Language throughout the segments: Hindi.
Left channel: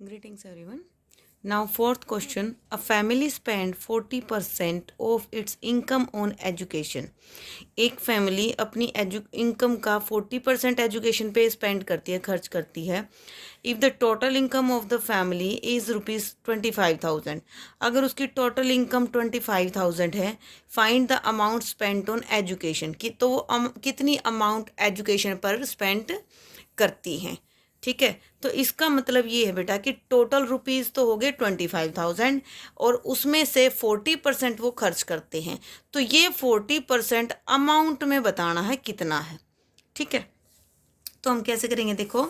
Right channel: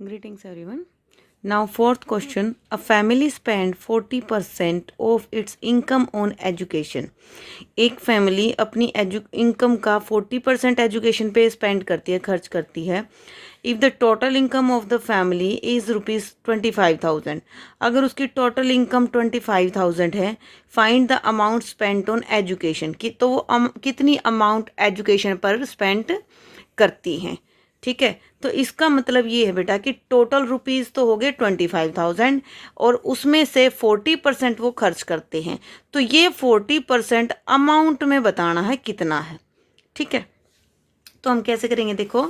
Greetings everyone. Now fourth question. A family spend 40% of its income on education. एक फैमिली अपनी इनकम का 40% एजुकेशन पे स्पेंड करती है, खर्च करती है. If the total income of the family is ₹25,000. अगर उसकी टोटल इनकम 25,000 है, find the amount spent on education की, तो वो कितनी अमाउंट एजुकेशन पर स्पेंड करती हैं. ठीक है, तो इसका मतलब ये है बेटा कि टोटल रुपीज़ तो हो गए 25,000 और उसमें से 40% वो खर्च करते हैं. तो ये 40% अमाउंट में बताना है कितना है. ठीक है, तो हम कैसे करेंगे, देखो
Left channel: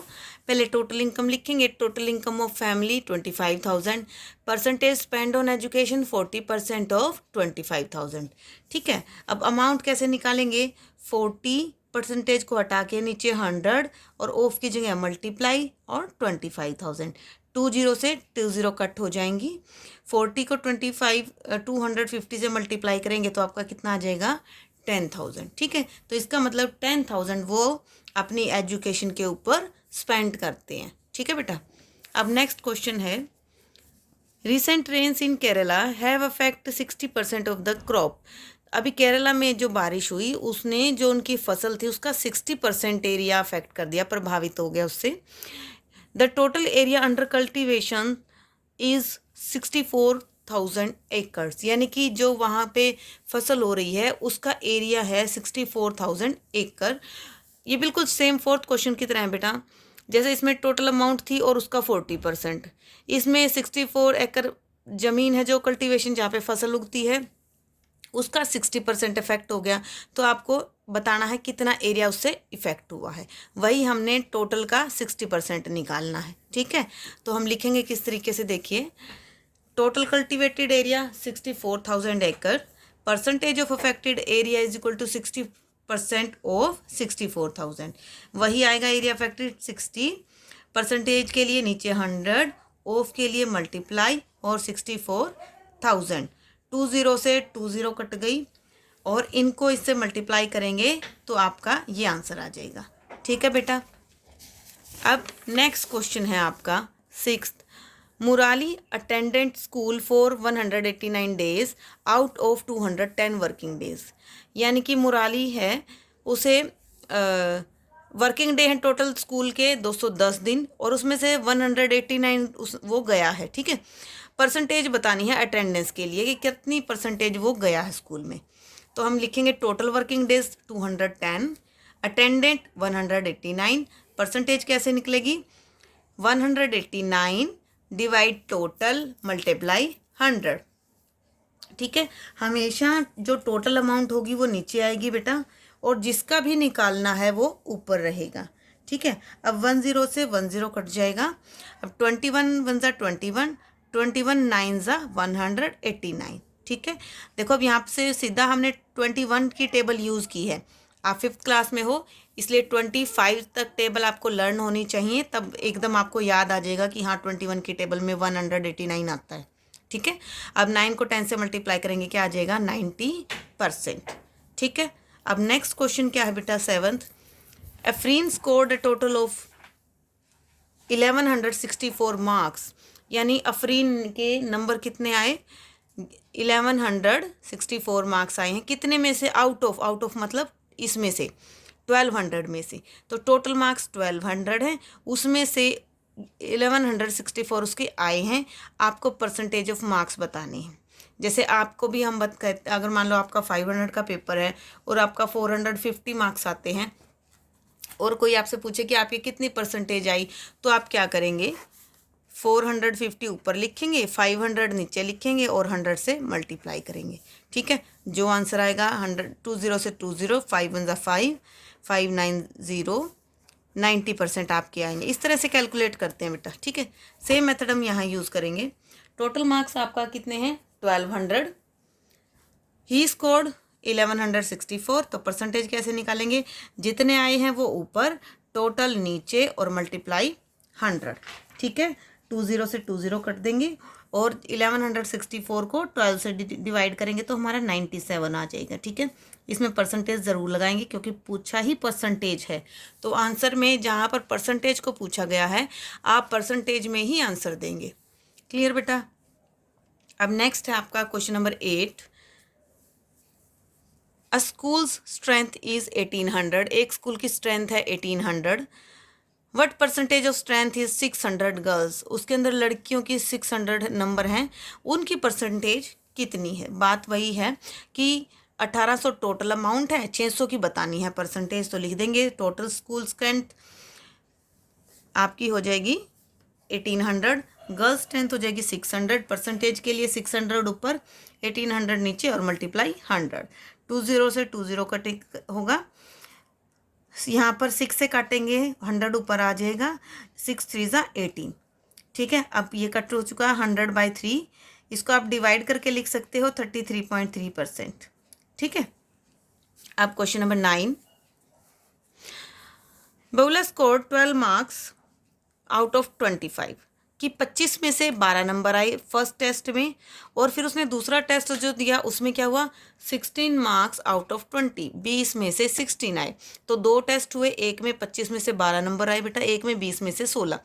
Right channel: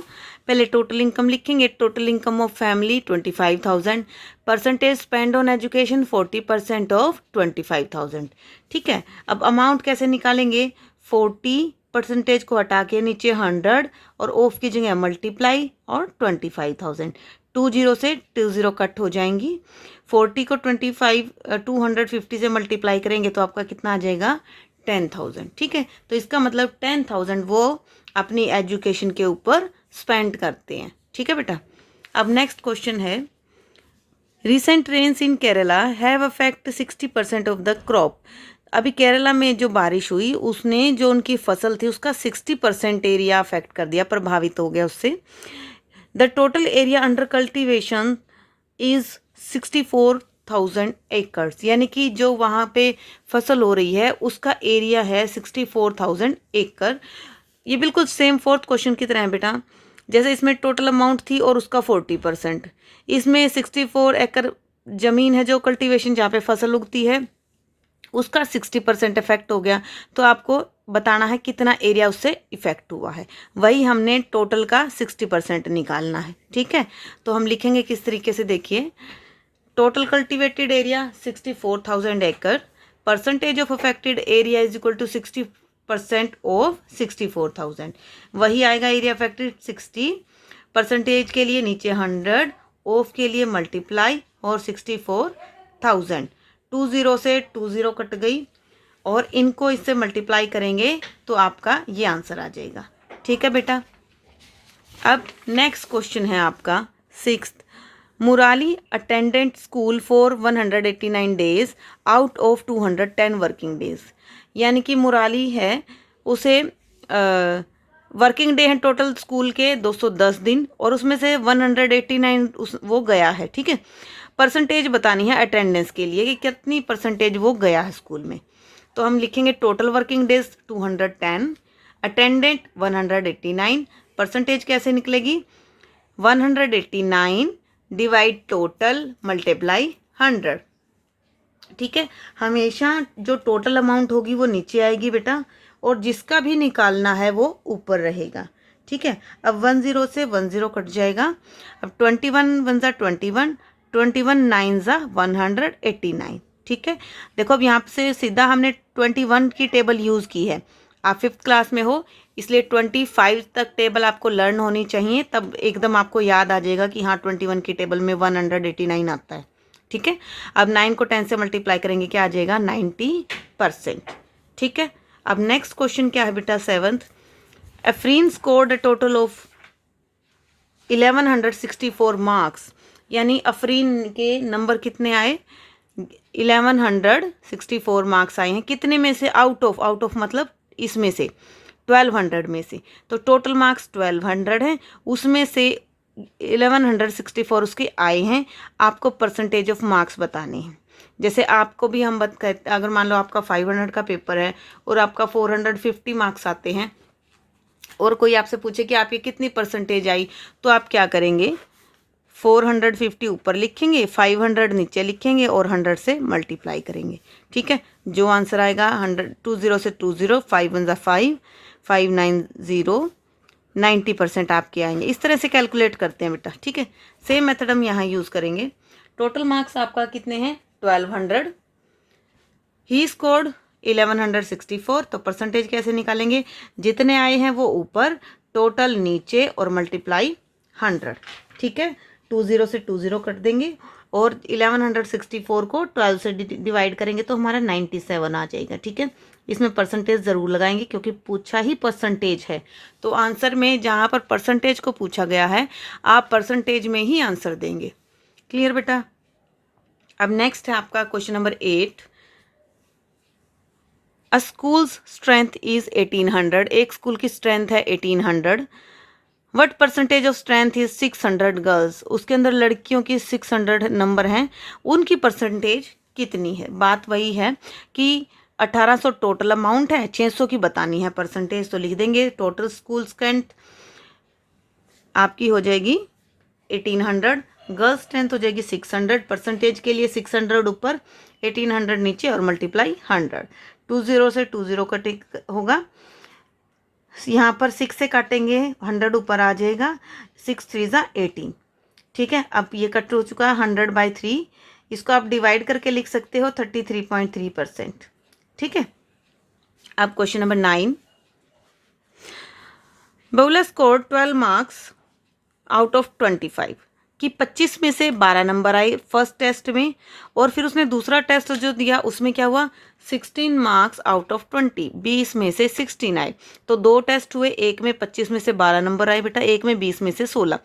पहले टोटल इनकम लिखेंगे. Total income of family 25,000, percentage spend on education 40% of 25,000. ठीक है, अब अमाउंट कैसे निकालेंगे, 40% को हटा के नीचे 100 और ऑफ की जगह मल्टीप्लाई और 25,000. 20 से 20 कट हो जाएंगी. 40 को 250 से मल्टीप्लाई करेंगे तो आपका कितना आ जाएगा, 10,000. ठीक है, तो इसका मतलब 10,000 वो अपनी एजुकेशन के ऊपर स्पेंड करते हैं. ठीक है बेटा. अब नेक्स्ट क्वेश्चन है, recent rains in Kerala have affect 60% of the crop. अभी केरला में जो बारिश हुई उसने जो उनकी फसल थी उसका 60% एरिया अफेक्ट कर दिया, प्रभावित हो गया उससे. The total area under cultivation is 64,000 acres. यानी कि जो वहाँ पे फसल हो रही है उसका एरिया है 64,000 एकड़. ये बिल्कुल सेम फोर्थ क्वेश्चन की तरह है बेटा. जैसे इसमें टोटल अमाउंट थी और उसका 40%, इसमें 64 एकड़ ज़मीन है जो कल्टीवेशन जहाँ पे फसल उगती है उसका 60% इफेक्ट हो गया. तो आपको बताना है कितना एरिया उससे इफेक्ट हुआ है. वही हमने टोटल का 60% निकालना है. ठीक है, तो हम लिखेंगे किस तरीके से, देखिए टोटल कल्टिवेटेड एरिया 64,000 एकड़, percentage of affected area is equal to 60% of 64,000. वही आएगा एरिया अफेक्टेड 60, परसेंटेज के लिए नीचे 100, ऑफ के लिए मल्टीप्लाई और 64,000. 20 से 20 कट गई और इनको इससे मल्टीप्लाई करेंगे तो आपका ये आंसर आ जाएगा. ठीक है बेटा. अब नेक्स्ट क्वेश्चन है आपका sixth. Murali attendant school for 189 days out of 210 working days. यानी कि मुराली है, उसे वर्किंग डे हैं टोटल स्कूल के 210 दिन और उसमें से 189 वो गया है. ठीक है, परसेंटेज बतानी है अटेंडेंस के लिए कि कितनी परसेंटेज वो गया है स्कूल में. तो हम लिखेंगे total working days 210, attendant 189, percentage कैसे निकलेगी, 189 डिवाइड टोटल मल्टीप्लाई 100. ठीक है, हमेशा जो टोटल अमाउंट होगी वो नीचे आएगी बेटा और जिसका भी निकालना है वो ऊपर रहेगा. ठीक है, अब 10 से 10 कट जाएगा. अब 21 वन ज़ा 21, 21 9 ज़ा 189. ठीक है, देखो अब यहाँ से सीधा हमने 21 की टेबल यूज़ की है. आप 5th क्लास में हो इसलिए 25 तक टेबल आपको लर्न होनी चाहिए, तब एकदम आपको याद आ जाएगा कि हाँ 21 की टेबल में 189 आता है. ठीक है, अब 9 को 10 से मल्टीप्लाई करेंगे क्या आ जाएगा, 90%. ठीक है, अब नेक्स्ट क्वेश्चन क्या है बेटा, 7th. Afreen scored a total of 1164 marks. यानी अफरीन के नंबर कितने आए, 1164 मार्क्स आए हैं. कितने में से, आउट ऑफ मतलब इसमें से 1200 में से. तो टोटल मार्क्स 1200 हैं, उसमें से 1164 उसके आए हैं. आपको परसेंटेज ऑफ मार्क्स बताने हैं. जैसे आपको भी हम कहते, अगर मान लो आपका 500 का पेपर है और आपका 450 मार्क्स आते हैं और कोई आपसे पूछे कि आपकी कितनी परसेंटेज आई, तो आप क्या करेंगे, 450 ऊपर लिखेंगे, 500 नीचे लिखेंगे और 100 से मल्टीप्लाई करेंगे. ठीक है, जो आंसर आएगा 100, 20 से 20, 5 1 5, 590, 90% आपके आएंगे. इस तरह से कैलकुलेट करते हैं बेटा. ठीक है, सेम मेथड हम यहाँ यूज़ करेंगे. टोटल मार्क्स आपका कितने हैं, 1200. He scored 1164. तो परसेंटेज कैसे निकालेंगे, जितने आए हैं वो ऊपर, टोटल नीचे और मल्टीप्लाई 100. ठीक है, 20 से 20 कट देंगे और 1164 को 12 से डिवाइड करेंगे तो हमारा 97 आ जाएगा. ठीक है, इसमें परसेंटेज ज़रूर लगाएंगे क्योंकि पूछा ही परसेंटेज है। तो आंसर में जहाँ पर परसेंटेज को पूछा गया है आप परसेंटेज में ही आंसर देंगे। क्लियर बेटा। अब नेक्स्ट है आपका question number 8। A schools strength is 1800। एक स्कूल की स्ट्रेंथ है 1800। What percentage of strength is 600 girls. उसके अंदर लड़कियों की 600 नंबर हैं, उनकी परसेंटेज कितनी है। बात वही है कि 1800 टोटल अमाउंट है, 600 की बतानी है परसेंटेज। तो लिख देंगे टोटल स्कूल स्ट्रेंथ आपकी हो जाएगी 1800, गर्ल्स स्ट्रेंथ हो जाएगी 600। परसेंटेज के लिए 600 ऊपर, 1800 नीचे और मल्टीप्लाई 100। 20 से 20 का टिक होगा, यहाँ पर 6 से काटेंगे 100 ऊपर आ जाएगा, 6 3 ज़ा 18। ठीक है, अब ये कट हो चुका है 100/3। इसको आप डिवाइड करके लिख सकते हो 33.3%। ठीक है। अब question number 9। Bahula score 12 marks out of 25 कि 25 में से 12 नंबर आए फर्स्ट टेस्ट में, और फिर उसने दूसरा टेस्ट जो दिया उसमें क्या हुआ 16 मार्क्स आउट ऑफ 20, 20 में से 16 आए। तो दो टेस्ट हुए, एक में 25 में से 12 नंबर आए बेटा, एक में 20 में से 16।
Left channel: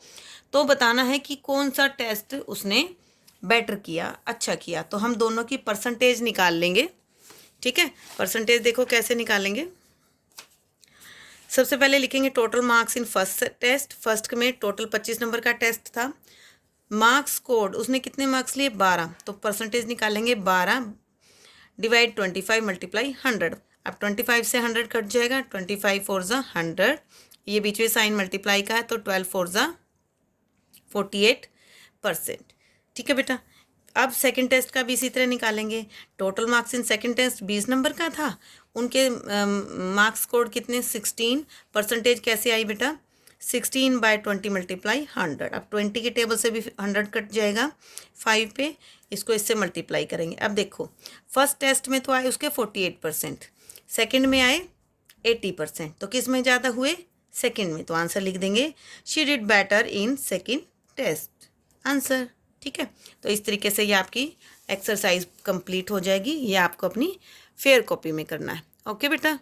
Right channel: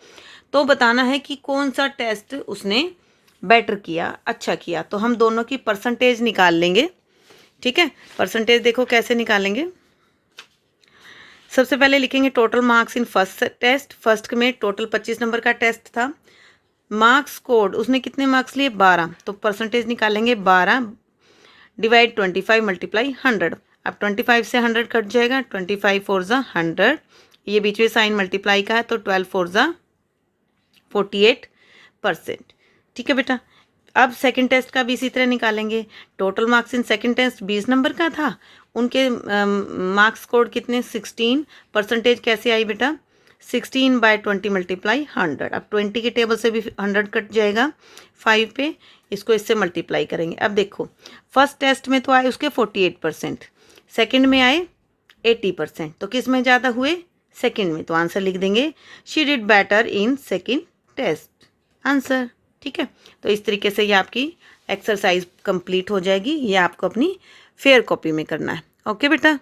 तो बताना है कि कौन सा टेस्ट उसने बेटर किया, अच्छा किया। तो हम दोनों की परसेंटेज निकाल लेंगे। ठीक है, परसेंटेज देखो कैसे निकालेंगे। सबसे पहले लिखेंगे total marks in first test. First में टोटल 25 नंबर का टेस्ट था। मार्क्स स्कोर्ड उसने कितने मार्क्स लिए 12, तो परसेंटेज निकालेंगे 12 डिवाइड 25 मल्टीप्लाई 100। अब 25 से 100 कट जाएगा, 25 4 ज़ा 100, ये बीच में साइन मल्टीप्लाई का है तो 12 4 ज़ा 48%। ठीक है बेटा। अब सेकंड टेस्ट का भी इसी तरह निकालेंगे। Total marks in second test 20 नंबर का था, उनके मार्क्स स्कोर कितने 16। परसेंटेज कैसे आई बेटा 16/20 मल्टीप्लाई 100। अब 20 के टेबल से भी 100 कट जाएगा 5 पे, इसको इससे मल्टीप्लाई करेंगे। अब देखो फर्स्ट टेस्ट में तो आए उसके 48%, सेकंड में आए 80%, तो किस में ज़्यादा हुए सेकंड में। तो आंसर लिख देंगे she did better in second test, answer. ठीक है, तो इस तरीके से ये आपकी एक्सरसाइज कंप्लीट हो जाएगी। ये आपको अपनी फेयर कॉपी में करना है। ओके बेटा।